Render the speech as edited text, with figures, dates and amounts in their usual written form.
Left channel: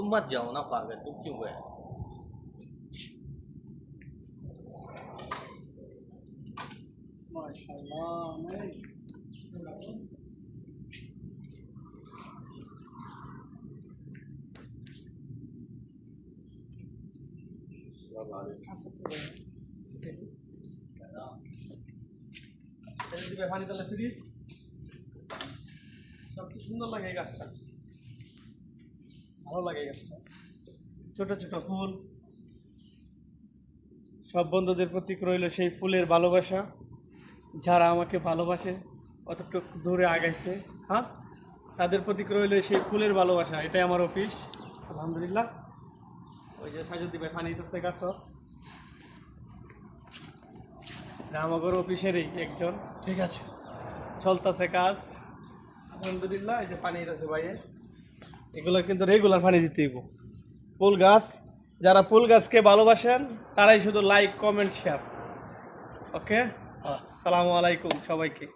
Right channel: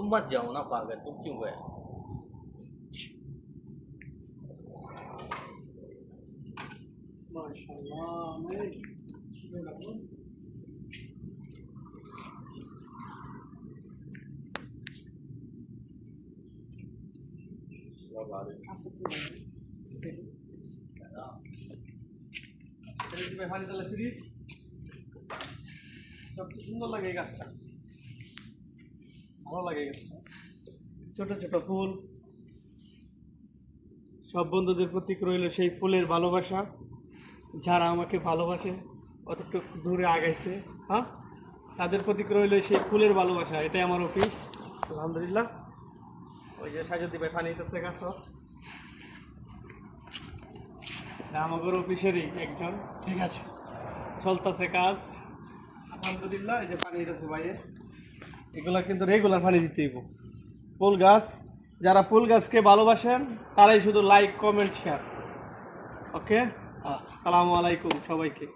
तुम मत जाओ ना पागल, तुम क्यों गए? माशाल्लाह मैं সুন্দর লাগে গাছটা, ভালো লাগে গাছটা। ছোট ছোট ফুল, সব বন্ধুদের প্রতি রইল সেই ফুলের ভালোবাসা। যারা আমাকে ভালোবাসে, অতটুকু দূরে আগাইছে, হ্যাঁ, তাদের প্রতি রইল সেই ফুলের ভালোবাসা। এটাই আমার অফিস, আলহামদুলিল্লাহ। ওই যে সাজুদ্দি ভাই পানি দিতেছে গাছ, আমাদের অফিসেরই একজন, ঠিক আছে, চলতেছে কাজ আলহামদুলিল্লাহ। এই যে পানি দিতেছে ভাইয়ে, এগুলো কিন্তু রেগুলার পানি দিতে হইব। ফুল গাছ, যারা ফুল গাছকে ভালোবাসেন তারাই শুধু লাইক, কমেন্ট, শেয়ার। ওকে, আসসালামু আলাইকুম সবাইকে।